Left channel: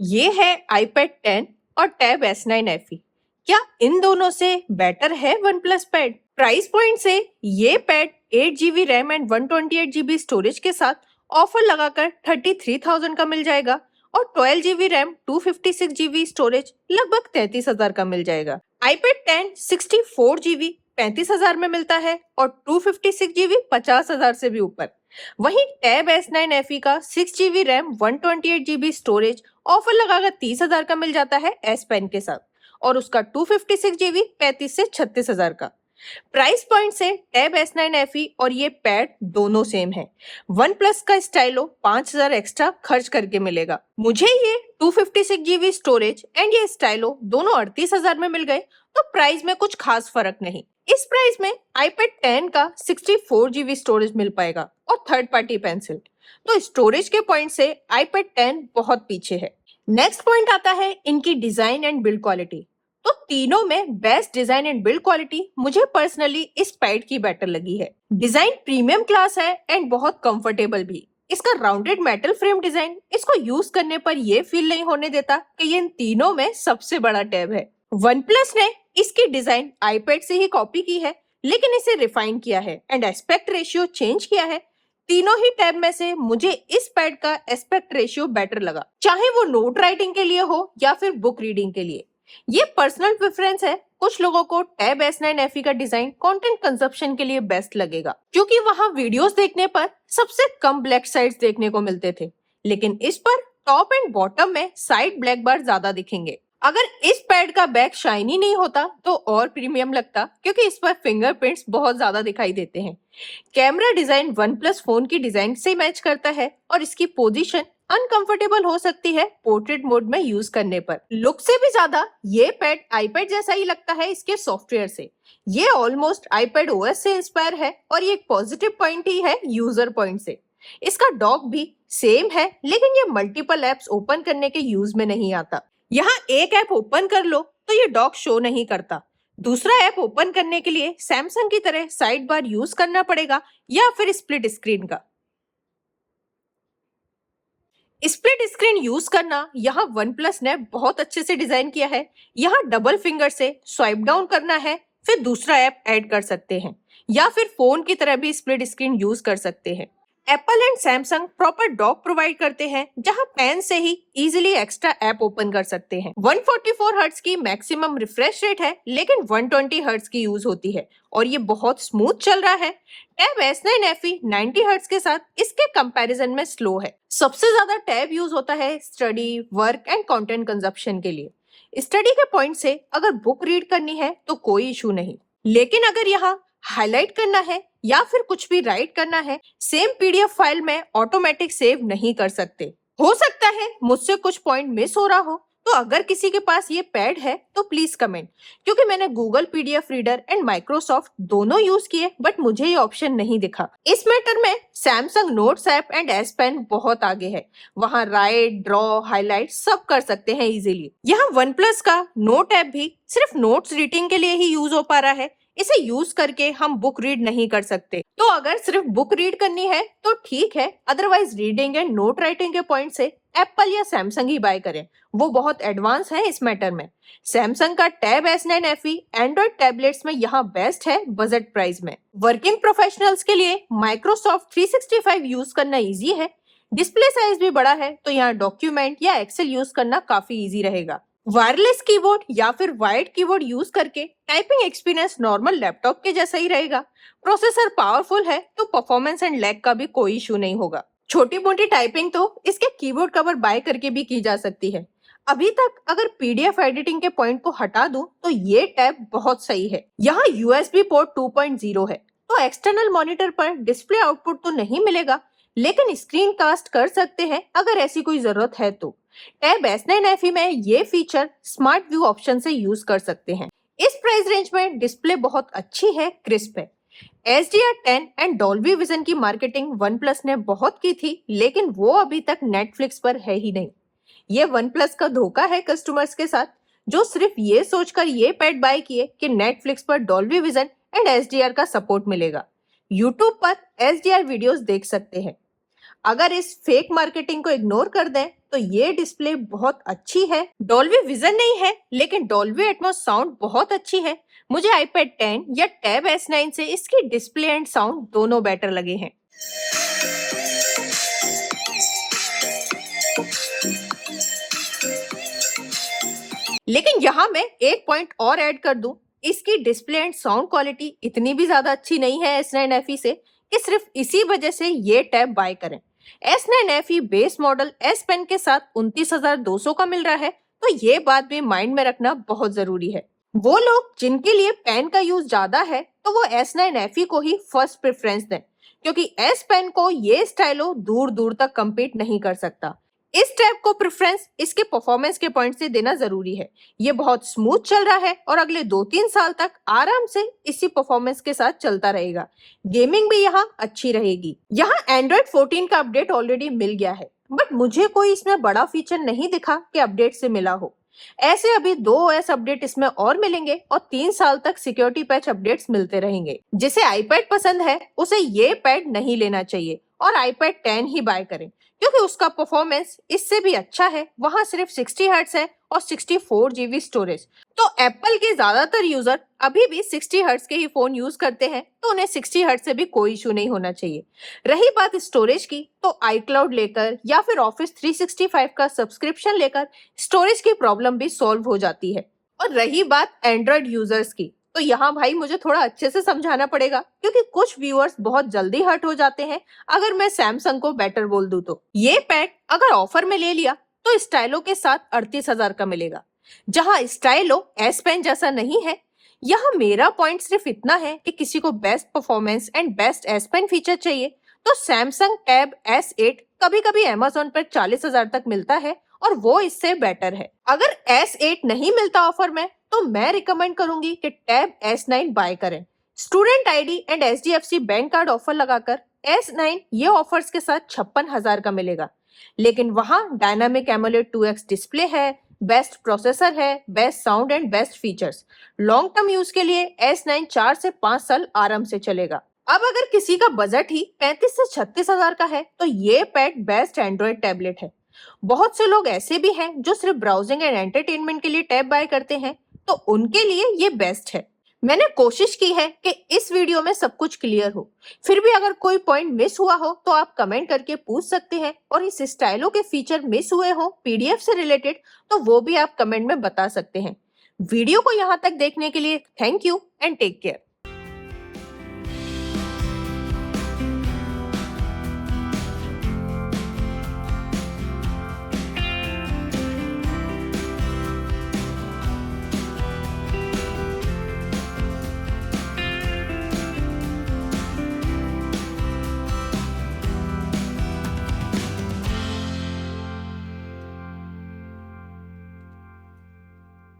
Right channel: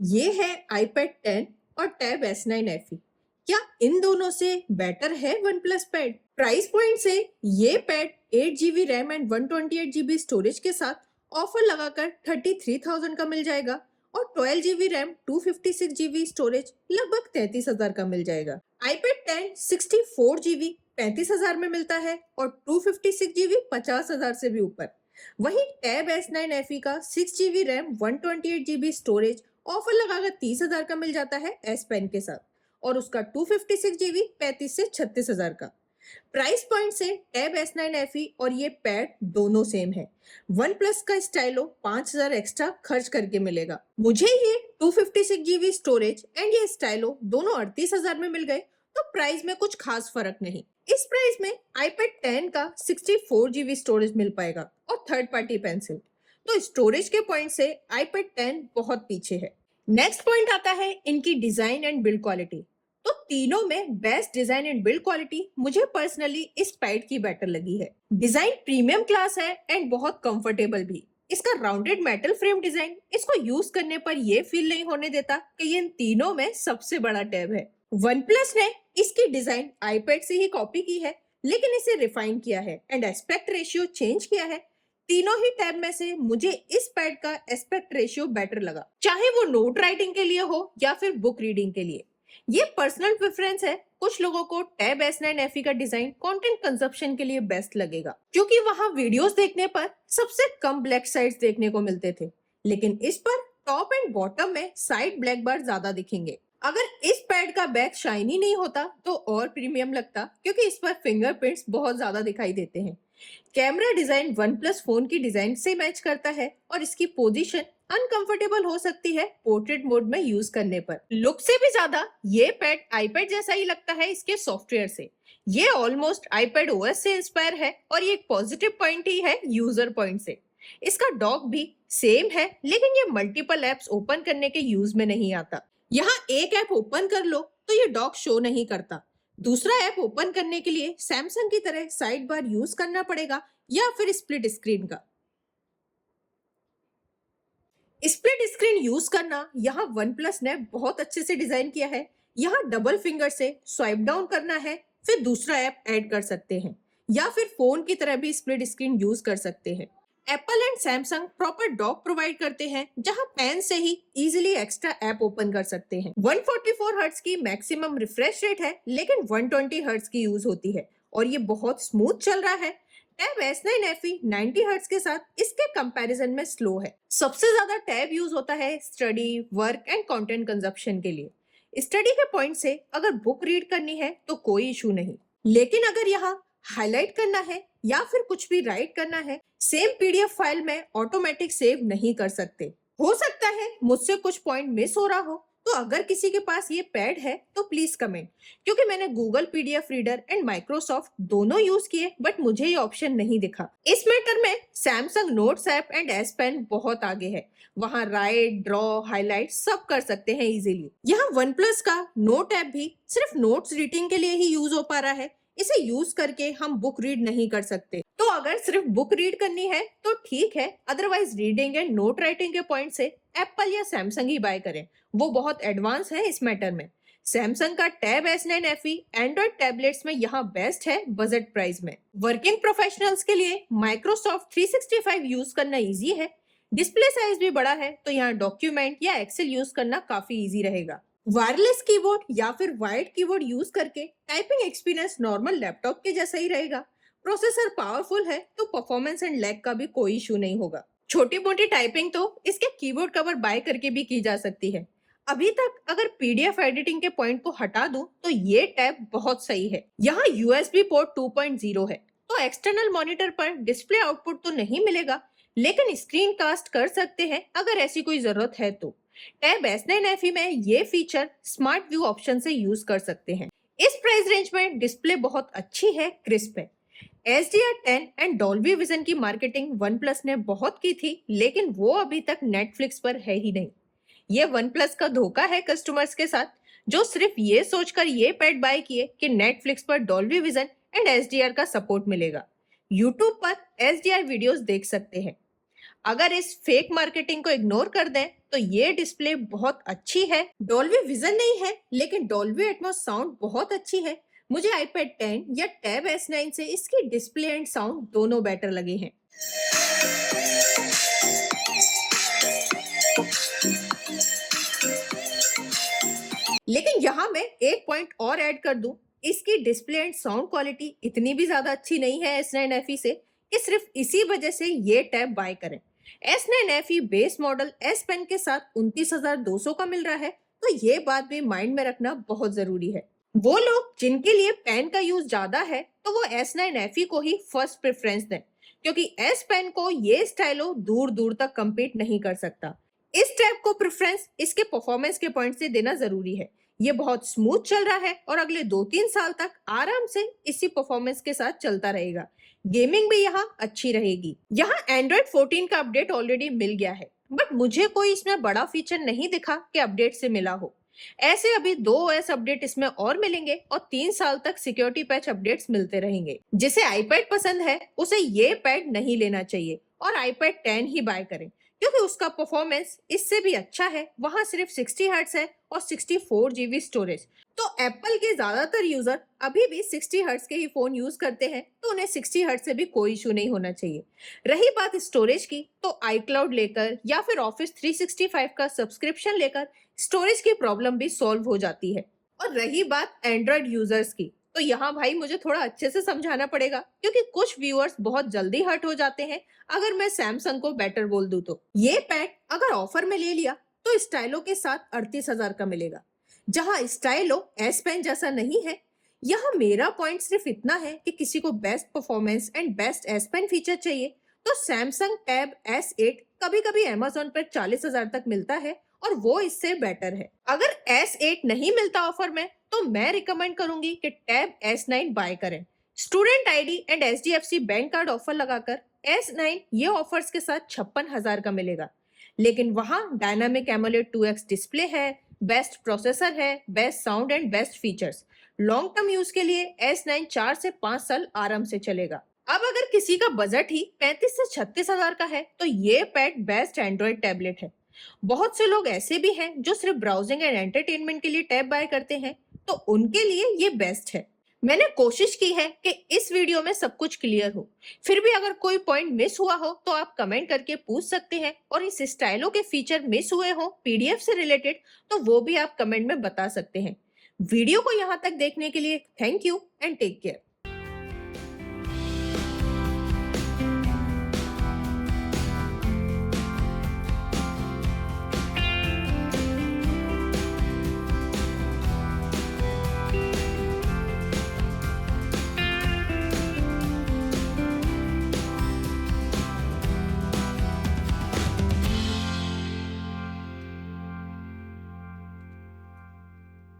ये है iPad 10 और टैब S9 FE। क्या इन दोनों से बेटर है OnePlus पैड? प्राइस पॉइंट से ये pad 8GB RAM and 128GB storage के साथ ऑफर लगाकर 33,000 का मिल जाएगा और 12GB रैम 256GB स्टोरेज लगभग 33,000 का मिल जाएगा। iPad 10 64GB 35,000 में मिलता है और 256GB 50,000 से भी ऊपर। वहीं टैब S9 FE का 6GB RAM 128GB storage offer लगाकर 30,000 का मिल जाता है S पेन के साथ और उसका 256GB 35 से 36,000 का। प्राइस पॉइंट से टैब S9 FE और ये पैड दोनों सेम है। वन प्लस का स्टाइलो 5,000 एक्स्ट्रा खर्च करके मिलेगा। मुझे ये 256GB स्टोरेज एंड ये स्टाइलो दोनों 38,000 में मिल गए, तो प्राइस में कुछ खास फर्क नहीं। इस प्राइस में iPad 10 का 64GB स्टोरेज मिल पाएगा और थर्ड पार्टी पेंसिल, तो स्टोरेज के पॉइंट से iPad 10 बहुत पीछे है। नेक्स्ट पॉइंट आता है इनकी डिजाइन एंड बिल्ड क्वालिटी। तो तीनों में best design and build quality मुझे पर्सनली इस पैड की बेटर लगी है। डिजाइन प्रीमियम क्लास है एंड बहुत कंफर्टेबल भी। इसका राउंडेड मेटल फ्रेम डिजाइन इसको यूज करने पर ये फील नहीं होने देता कि ये इन तीनों में सबसे बड़ा टैब है। OnePlus ने इसकी डिजाइन iPad से ही कॉपी की है, लेकिन इसे रिफाइन किया है एंड एस्पेक्ट रेशियो चेंज किया है। तीनों ही टैब में से मुझे इस पैड का एस्पेक्ट रेशियो बेटर लगा, चाहे वो नोट राइटिंग के लिए हो या फिर बुक रीडिंग के लिए। ये पर्सनल प्रेफरेंस है। कुछ लोगों को टैब S9 FE का डिजाइन कंटेंट कंजप्शन के लिए बेस्ट लगेगा, क्योंकि वहां वीडियोस देखने पर सबसे कम ब्लैक साइड्स देखने को मिलते थे, लेकिन इस पर टॉप एंड बॉटम में साइड ब्लैक बार ज्यादा दिखेंगे। अगर इस पैड का बैक शाइनी नहीं होता तो और प्रीमियम लगता, क्योंकि इस पर फिंगरप्रिंट्स बहुत ज्यादा दिखाई देते हैं। कैमरा डिजाइन OnePlus फोन की डिजाइन से मैच करता है और इसकी पोजीशन अनकंफर्टेबल हो सकती है पोर्ट्रेट मोड में यूज करने पर। लुक से भी ज्यादा ये पैड iPad जैसा ही लगता है इसके सॉफ्टवेयर से। ये ऑलमोस्ट iPad OS से इंस्पायर है और ये एक पॉजिटिव पॉइंट ही है यूजर पॉइंट से। इसका डॉक भी सेम है, लेकिन ये मल्टीपल एप्स ओपन करने के यूज में नहीं आता। यहाँ एक ऐप ओपन कर लो तो ये डॉक शो नहीं करता। दूसरा ऐप ओपन करने के लिए सैमसंग की तरह साइड बार यूज करना पड़ेगा या फिर स्प्लिट स्क्रीन का। स्प्लिट स्क्रीन यूज करना यहाँ OnePlus ने बहुत अच्छे से डिजाइन किया है। यहाँ डबल फिंगर से स्वाइप डाउन करना है, फिर दूसरा ऐप ऐड कर सकते हैं या फिर फोन की तरह भी स्प्लिट स्क्रीन यूज कर सकते हैं। Apple and Samsung proper dock provide करते हैं, जहां पेन से ही इजीली एक्स्ट्रा ऐप ओपन कर सकते हैं। 144 हर्ट्ज की मैक्सिमम रिफ्रेश रेट है, लेकिन 120 हर्ट्ज की यूज होती है और ये बहुत स्मूथ चल रहा है। टैब S9 FE 90 हर्ट्ज के साथ इसके कंपैरिजन में स्लो है। सबसे ज्यादा टैब यूज होता है study, work and content consumption के लिए। स्टडी के पॉइंट से अगर बुक रीड करनी है तो कोई इशू नहीं, लेकिन अगर यहाँ हाईलाइट करना है या फिर कुछ भी राइट करना है, सेम PDF फाइल में ऑटोमेटिक सेव नहीं कर सकते। हो सकता है मुझसे कुछ पॉइंट मिस हो रहा हो, तो अगर किसी के पास ये पैड है तो प्लीज कमेंट, क्योंकि मैंने Google PDF reader and Microsoft दोनों यूज किए, बट मुझे ये ऑप्शन नहीं दिखा। इस मैटर में Samsung notes app and S pen बहुत आगे है। वहां राइट, ड्रॉ, हाईलाइट सब कर सकते हैं इजीली। यहाँ OnePlus का नोट ऐप भी सिर्फ नोट्स रीडिंग के लिए ही यूज हो पा रहा है। इसे यूज करके हम बुक रीड नहीं कर सकते। तो अगर सिर्फ बुक रीड करनी है तो ठीक है, otherwise reading and note writing के पॉइंट से एप्पल या सैमसंग ही बाय करें, वो बहुत एडवांस है इस मैटर में। सैमसंग का tab S9 FE Android tablets में यहाँ बेस्ट है बजट प्राइस में। वर्किंग प्रोफेशनल्स के लिए माइक्रोसॉफ्ट 365 यूज करना इजी है। डिस्प्ले साइज भी बड़ा है, तो यहाँ डॉक्यूमेंट या एक्सेल यूज करना काफी इजी रहेगा। वायरलेस कीबोर्ड या फिर वायर्ड कीबोर्ड यूज करके टाइपिंग एक्सपीरियंस नॉर्मल लैपटॉप के जैसा ही रहेगा। प्रोसेसर पावरफुल है, तो परफॉर्मेंस एंड लैग का भी कोई इशू नहीं होगा। छोटी मोटी टाइपिंग तो इसके कीबोर्ड कवर बाय करके भी की जा सकती है। अभी तक अगर PDF एडिटिंग के पॉइंट को हटा दूं तो ये टैब बहुत सही है। यहाँ USB पोर्ट 2.0 है, तो एक्सटर्नल मॉनिटर पर डिस्प्ले आउटपुट तो नहीं मिलेगा, लेकिन स्क्रीन कास्ट कर सकते हैं अगर ऐसी कोई जरूरत है तो। टैब S9 FE में ये फीचर स्मार्ट व्यू ऑप्शन से यूज कर सकते हैं। इस प्राइस रेंज में डिस्प्ले बहुत अच्छी है, क्रिस्प है। HDR10 एंड डॉल्बी विजन की मार्केटिंग OnePlus ने बहुत की थी, लेकिन वो अभी तक नेटफ्लिक्स पर है ही नहीं। ये OnePlus का धोखा है कस्टमर्स के साथ, जो सिर्फ ये सोचकर ये पैड बाय किए कि नेटफ्लिक्स पर डॉल्बी विजन एंड HDR का सपोर्ट मिलेगा। यूट्यूब पर HDR वीडियोस देख सकते हैं। अगर इस फेक मार्केटिंग को इग्नोर कर दें तो ये डिस्प्ले बहुत अच्छी है। डॉल्बी विजन नहीं है, लेकिन डॉल्बी एटमॉस साउंड बहुत अच्छी है। मुझे iPad 10 या टैब S9 से इसकी डिस्प्ले एंड साउंड दोनों बेटर लगे हैं। लेकिन यहाँ मैं एक पॉइंट और ऐड कर दूं, इसकी डिस्प्ले एंड साउंड क्वालिटी इतनी भी ज्यादा अच्छी नहीं है S9 FE से कि सिर्फ इसी वजह से ये टैब बाय करें। S9 FE base model S Pen के साथ 29,200 का मिल रहा है, तो ये बात भी माइंड में रखना बहुत जरूरी है। वो लोग जिनके लिए पेन का यूज ज्यादा है तो वो S9 FE को ही फर्स्ट प्रेफरेंस दें, क्योंकि S Pen को ये स्टाइलो दूर दूर तक कम्पीट नहीं कर सकता। इस टैब को प्रेफरेंस इसके परफॉर्मेंस के पॉइंट से देना जरूरी है। ये बहुत स्मूथ चल रहा है और अगले 2-3 साल तक आराम से इसी परफॉर्मेंस के साथ चलता रहेगा। गेमिंग भी यहाँ अच्छी रहेगी। यहाँ Android 14 का अपडेट ऑलरेडी मिल गया है, बट मुझे कोई इसमें बड़ा फीचर नहीं दिखा कि अपडेट से मिला हो। ऐसे अभी 2 OS अपडेट इसमें और मिलेंगे और 3 साल तक सिक्योरिटी पैच अपडेट्स मिलते रहेंगे। जिसे iPad पसंद है उसे ये पैड नहीं लेना चाहिए और iPad 10 ही बाय करें, क्योंकि उसका परफॉर्मेंस इससे भी अच्छा है। वहां सिर्फ 60 हर्ट्ज है और 64 GB स्टोरेज। तो एप्पल के ज्यादातर यूजर अभी भी 60 हर्ट्ज के ही फोन यूज करते हैं, तो उन्हें 60 हर्ट्ज से भी कोई इशू नहीं होना चाहिए। रही बात स्टोरेज की, तो iCloud लेकर या फिर Office 365 का सब्सक्रिप्शन लेकर स्टोरेज की प्रॉब्लम भी सॉल्व हो जाती है। और रही बात एंड्रॉइड यूजर्स की, तो यहाँ भाई मुझे थोड़ा अच्छे से समझाना पड़ेगा, क्योंकि कुछ व्यूअर्स बहुत जल्दी हर्ट हो जाते हैं अगर मैं सैमसंग को बेटर बोल दूं। तो ये पैड अगर ऑफर में ले लिया तो स्टाइलो के साथ 38,000 का मिलेगा, जहां स्टाइलो S Pen जैसा नहीं है। यहाँ मेरा पॉइंट सिर्फ इतना है कि किसी को best performance and best S Pen feature चाहिए तो सैमसंग टैब S8 कभी कभी Amazon पर 40,000 तक मिलता है और वो इससे बेटर है। अगर S8 नहीं मिलता ऑफर में तो मैं रिकमेंड करूंगी कि टैब S9 बाय करें। Student ID and HDFC bank card offer लगाकर S9 ये ऑफर्स के साथ 56,000 का मिलेगा, लेकिन वहां डायनामिक एमोलेड 2x डिस्प्ले है, बेस्ट प्रोसेसर है, best sound and best features. Long term use के लिए S9 4 से 5 साल आराम से चलेगा। अब अगर किसी का बजट ही 35 से 36,000 का है तो ये पैड बेस्ट एंड्रॉइड टैबलेट है। बहुत से लोग ऐसे भी हैं जो सिर्फ ब्राउजिंग एंड एंटरटेनमेंट के लिए टैब बाय करते हैं, तो उनके लिए ये बेस्ट है। मैंने कोशिश की है कि इस वीडियो में सब कुछ क्लियर हो। फिर भी अगर कोई पॉइंट मिस हुआ हो तो आप कमेंट करके पूछ सकते हैं, और इस स्टाइलो के फीचर मिस हुए हो PDF से रिलेटेड तो वो भी आप कमेंट में बता सकते हैं। वीडियो को यहाँ तक देखने के लिए thank you and take care.